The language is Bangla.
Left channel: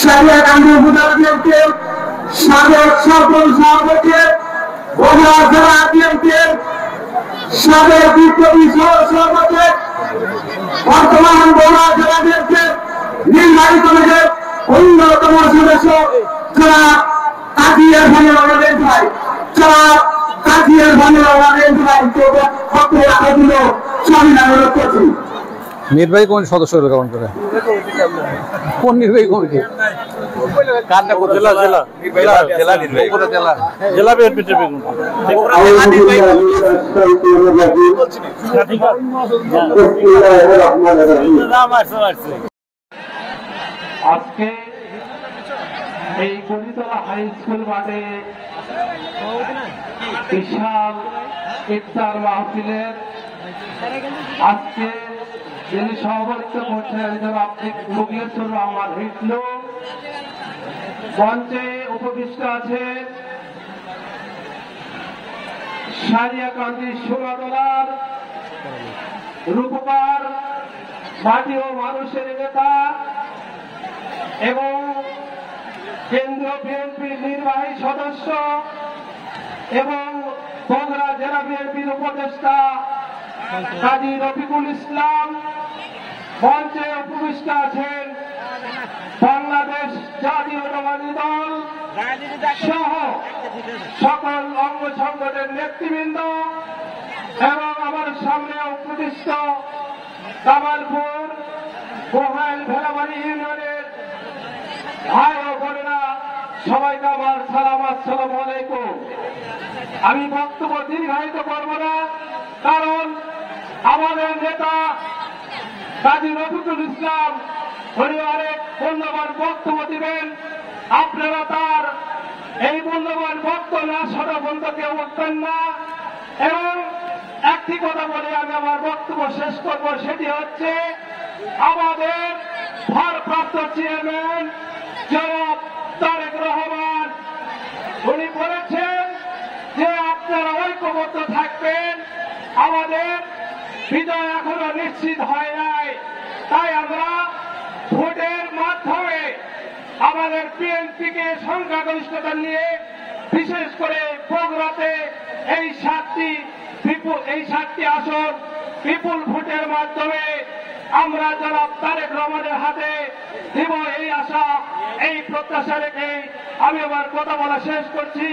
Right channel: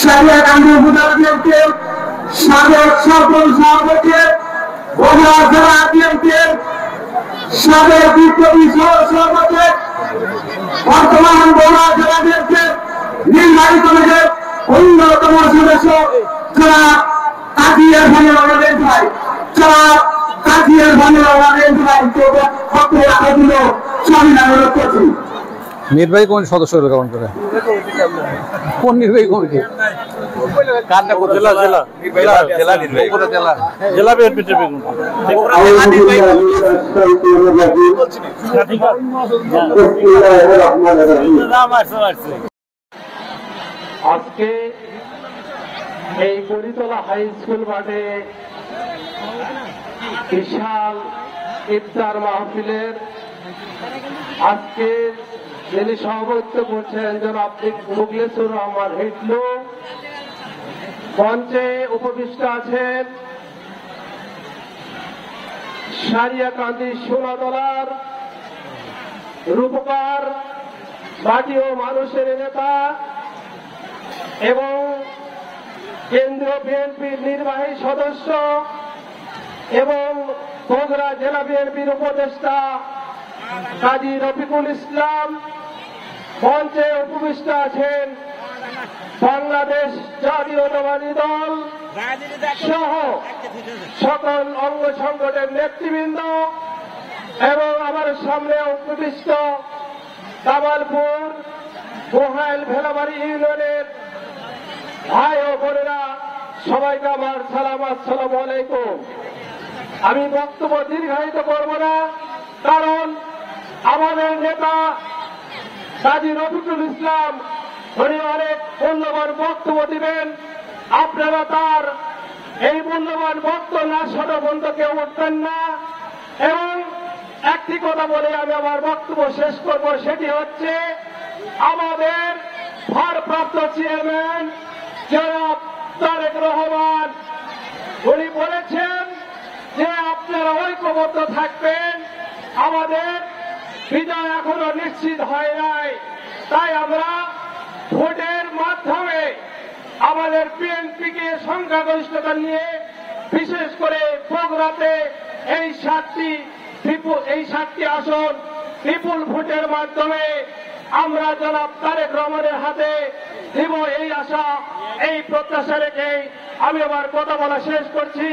সারিয়া গান্ধী উপজেলাকে সাবেক সরপঞ্চ সভাপতি বগুড়া জেলা বিএনপির সাবেক বিপ্লবী সভাপতি বর্তমান বগুড়া জেলা বিএনপির নির্বাহী কমিটির অন্যতম সদস্য যারা কাজিয়ার ভাই যারা কাজিয়ার ভাই অনুরোধ করছি। নির্বাহী কমিটির সদস্য কেমন করে কোন নির্বাহী কমিটি আজকে এই গরিতলা হাই স্কুল মাঠে বিশাল ইফতার মাহফিলের আজকে যিনি সভাপতিত্ব করছেন জনাব মুখলেছুর রহমান হিটলু, মঞ্চে উপবিষ্ট আছেন সারিয়াকান্দি সোনাতলার রূপকার মাটি ও মানুষের নেতা এবং কেন্দ্রীয় বিএনপির নির্বাহী সদস্য এবং বগুড়া জেলা বিএনপির উপদেষ্টা কাজী রফিকুল ইসলাম, মঞ্চে উপবিষ্ট আছেন বাংলাদেশ জাতীয়তাবাদী দল সহ সকল অঙ্গ সংগঠনের নেতৃবৃন্দ এবং আমার সামনে উপবিষ্ট কামালপুর গোহাইল ভেলাবাড়ি ইউনিয়নের ভাই ও বোনেরা, সবাইকে আমার সালাম, আসসালামু আলাইকুম। আমি বক্তব্য দীর্ঘায়িত করব না, কারণ আমাদের নেতা কাজী রফিকুল ইসলাম উনি অনেক মূল্যবান বক্তব্য দিবেন। আপনারা তার এই মূল্যবান বক্তব্য না শোনা পর্যন্ত কেউ উঠবেন না। এবং একটি কথা বলে আমি আমার বক্তব্য শেষ করব, সেটি হচ্ছে আমাদের ভারপ্রাপ্ত চেয়ারম্যান জনাব তারেক রহমান উনি বলেছেন যে আপনারা ঐক্যবদ্ধ থাকবেন, আমাদের বিজয় এখনো নিশ্চিত হয় নাই, তাই আমরা ভোটের মাধ্যমে আমাদের বিএনপিকে সংখ্যাগরিষ্ঠতা নিয়ে বিশেষ করে বগুড়াতে এই সাতটি আসন বিপুল ভোটের মাধ্যমে আমরা জনাব তারেক রহমানের হাতে দিব, এই আশা এই প্রত্যাশা রেখে আমি আমার কথা বলা শেষ করছি।